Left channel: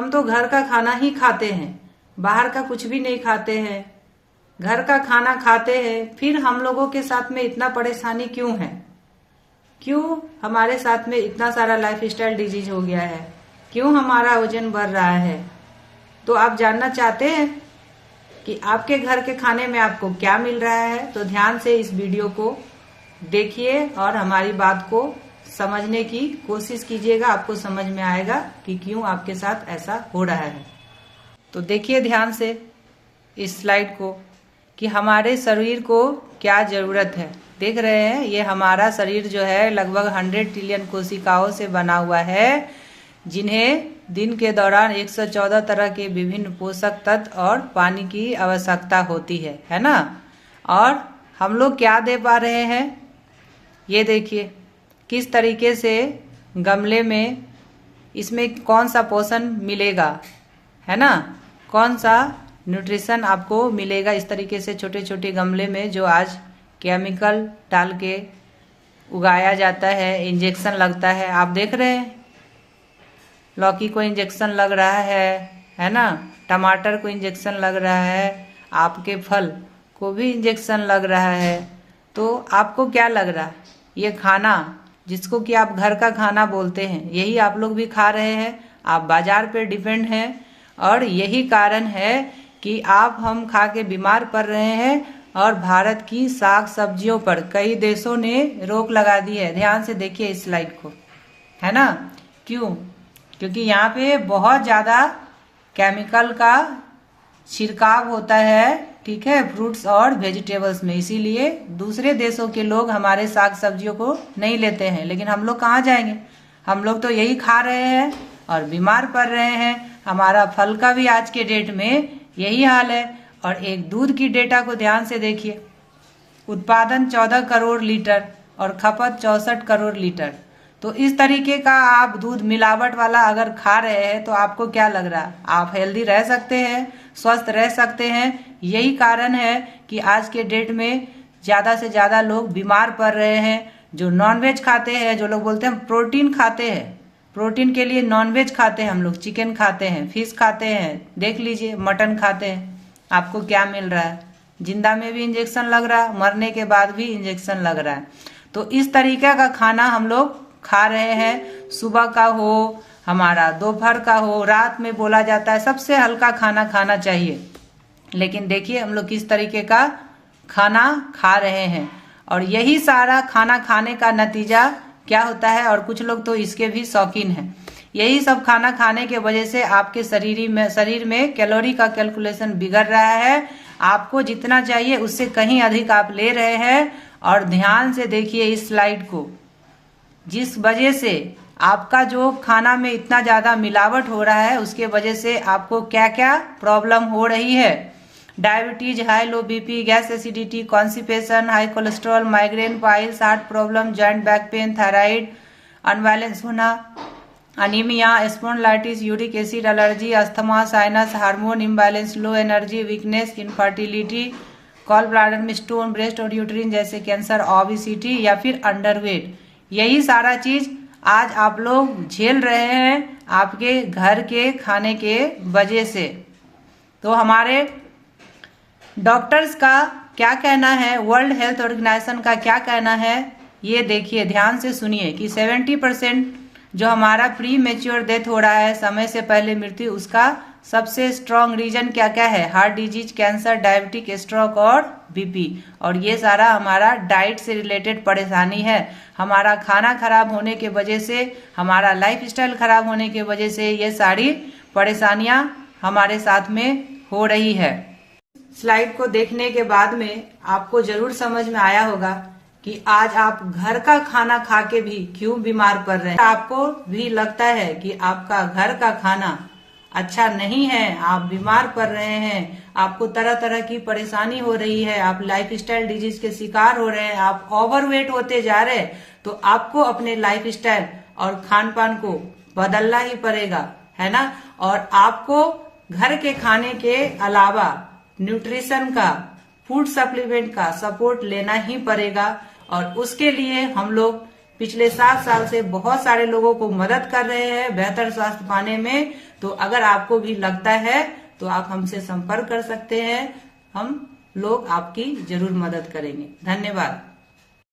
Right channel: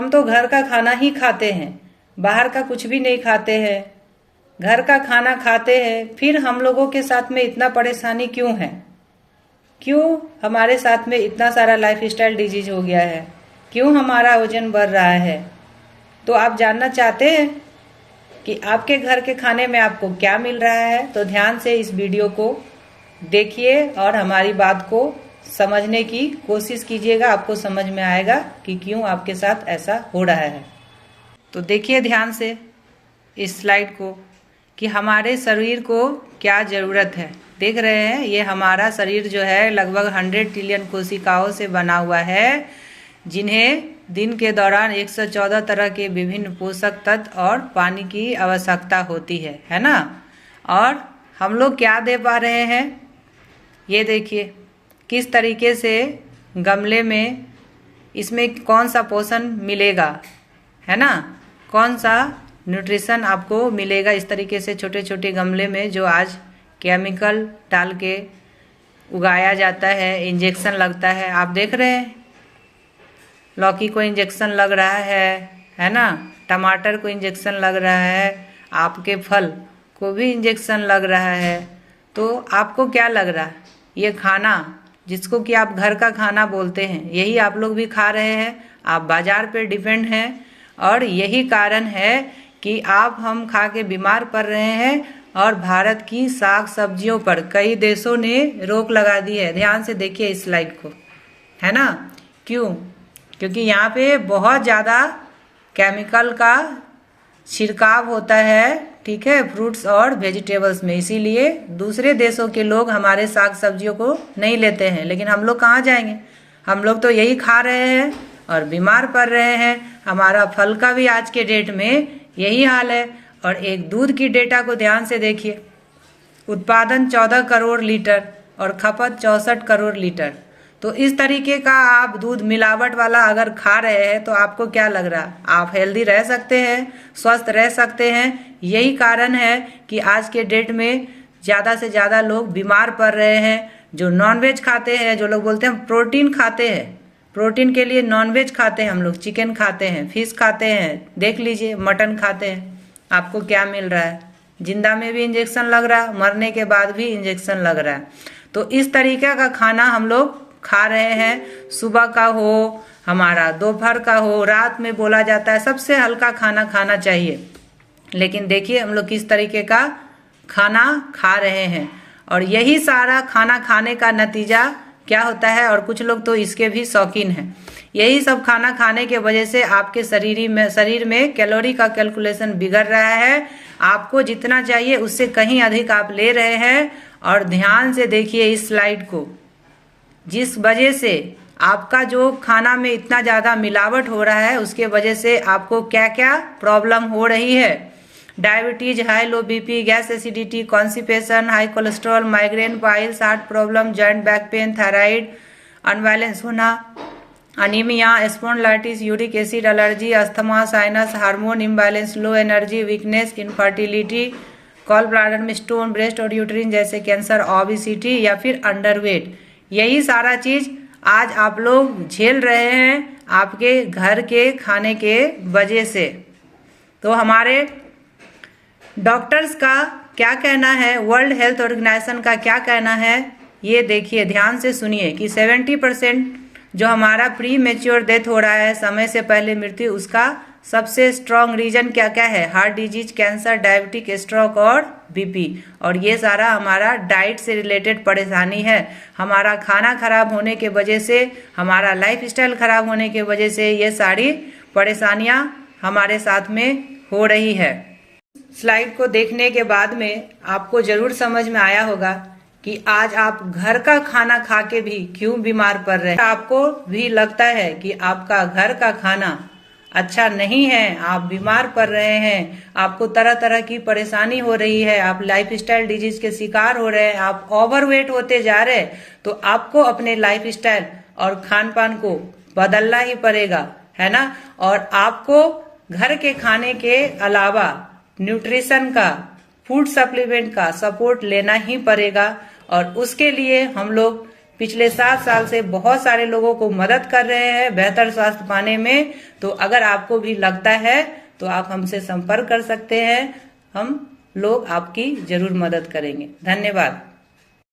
हम तो घर का खाना ही खाते हैं, बाहर का कुछ भी नहीं खाते हैं। घर का खाना खाते हैं, फिर हम लोगों के साथ में इतना परेशानी क्यों है? क्यों हमारे साथ में इतना सारा लाइफस्टाइल डिजीज हो गया है? क्यों हमारा वजन बढ़ रहा है? तो आप जानना चाहते हैं कि आपके घर के खाने में आपको क्या मिल रहा है? तो ध्यान से इस वीडियो को देखिए और हमारी बात को समझने की कोशिश कीजिएगा। आपको समझ में आएगा कि क्यों आपके साथ ऐसा हो रहा है। तो देखिए ध्यान से इस स्लाइड को कि हमारे शरीर को क्या जरूरत है। देख रहे हैं, ये हमारा शरीर जो है लगभग 100 ट्रिलियन कोशिकाओं से बना हुआ है, जिन्हें दिन के दौरान 114 तरह के विभिन्न पोषक तत्व और पानी की आवश्यकता होती है ना। और हम लोग क्या दे पा रहे हैं, ये देखिए किस तरीके से गमले में इसमें कौन सा पोषण मिलेगा, है ना, कौन सा न्यूट्रिशन आपको मिलेगा। इस तरीके से छोटे छोटे गमले में जो आज केमिकल डाल के उगाया जाता है, इंजेक्शन लगता है। आप देख रहे हैं, लौकी को इंजेक्शन लग रहा है ना, टमाटर को इंजेक्शन लग रहा है, आपके फल को भी इंजेक्शन लग रहा है। तो आपको क्या लग रहा है? ये खाना जिसको कि आप घर का खाना बोलते हैं, यही आप लोग भी खा रहे हैं। आप बाजार पे डिपेंड हैं और यही कारण है कि आप हम खा के बीमार पड़ रहे हैं। और भारत की साग सब्जियों पर कई देशों ने रोक लगा दी है। ध्यान से देखिए इस स्लाइड को, है ना। क्यों? क्योंकि यहाँ पे बहुत ज्यादा केमिकल का छिड़काव होता है, ठीक है, फ्रूट्स और वेजिटेबल्स में। इसीलिए दूसरे देशों के लोग हमारे साग सब्जियों को नहीं लेते हैं। लेकिन हम लोग कहाँ जाएंगे? हम लोग तो यही खा रहे हैं और बीमार पड़ रहे हैं। हमारा फल का भी आज के डेट में यही हाल है। और एक दूध की डेटा को ध्यान से देखिए, उत्पादन 14 करोड़ लीटर और खपत 64 करोड़ लीटर। तो इस तरीके का आप दूध मिलावट वाला अगर खा रहे हैं तो आपको क्या लग रहा है? आप हेल्दी रह सकते हैं, स्वस्थ रह सकते हैं। यही कारण है कि आज के डेट में ज्यादा से ज्यादा लोग बीमार पड़ रहे हैं। जो नॉनवेज खाते हैं, जो लोग बोलते हैं प्रोटीन खाते हैं, प्रोटीन के लिए नॉनवेज खाते हैं हम लोग, चिकन खाते हैं, फिश खाते हैं, देख लीजिए मटन खाते हैं। आपको क्या मिल रहा है? जिंदा में भी इंजेक्शन लग रहा है, मरने के बाद भी इंजेक्शन लग रहा है। तो इस तरीके का खाना हम लोग खा रहे हैं। सुबह का हो, हमारा दोपहर का हो, रात में बोला जाता है सबसे हल्का खाना खाना चाहिए। लेकिन देखिए हम लोग किस तरीके का खाना खा रहे हैं। और यही सारा खाना खाने का नतीजा क्या होता है, और कुछ लोग तो इसके भी शौकीन हैं। यही सब खाना खाने के वजह से आपके शरीर में कैलोरी का कैलकुलेशन बिगड़ रहा है। आपको जितना चाहिए उससे कहीं अधिक आप ले रहे हैं। और ध्यान से देखिए इस स्लाइड को, जिस वजह से आपका जो खाना में इतना ज्यादा मिलावट हो रहा है, उसके वजह से आपको क्या क्या प्रॉब्लम हो रही है। Diabetes, high low BP, gas acidity, constipation, high cholesterol, migraine, piles, heart problem, joint back pain, thyroid unbalance होना, anaemia, spondylitis, uric acid allergy, asthma, sinus, hormone imbalance, low energy, weakness, infertility, gall bladder में stone, breast और uterine जैसे cancer, obesity या फिर underweight. यही सारा चीज आज आप लोग झेल रहे हैं आपके घर के खाने के वजह से। तो हमारे डॉक्टर्स का क्या कहना है, वर्ल्ड हेल्थ ऑर्गेनाइजेशन का क्या कहना है, ये देखिए ध्यान से सुनिए कि 70% जो हमारा प्री मेच्योर डेथ हो रहा है, समय से पहले मृत्यु, उसका सबसे स्ट्रॉन्ग रीजन क्या क्या है? Heart disease, cancer, diabetic, stroke और बीपी। और ये सारा हमारा डाइट से रिलेटेड परेशानी है। हमारा खाना खराब होने के वजह से, हमारा लाइफस्टाइल खराब होने के वजह से ये सारी परेशानियां हमारे साथ में हो रही है। स्लाइड को देखने के बाद में आपको जरूर समझ में आया होगा कि आज आप घर का खाना खा के भी क्यों बीमार पड़ रहे हैं। आपको भी लगता है कि आपका घर का खाना अच्छा नहीं है, आप बीमार पड़ रहे हैं, आपको तरह तरह की परेशानी हो रही है, आप लाइफस्टाइल डिजीज के शिकार हो रहे हैं, आप ओवरवेट होते जा रहे हैं। तो आपको अपने लाइफस्टाइल और खान पान को बदलना ही पड़ेगा, है ना। और आपको घर के खाने के अलावा न्यूट्रिशन का, फूड सप्लीमेंट का सपोर्ट लेना ही पड़ेगा। और उसके लिए हम लोग पिछले 7 साल से बहुत सारे लोगों को मदद कर रहे हैं बेहतर स्वास्थ्य पाने में। तो अगर आपको भी लगता है तो आप हमसे संपर्क कर सकते हैं, हम लोग आपकी जरूर मदद करेंगे। धन्यवाद।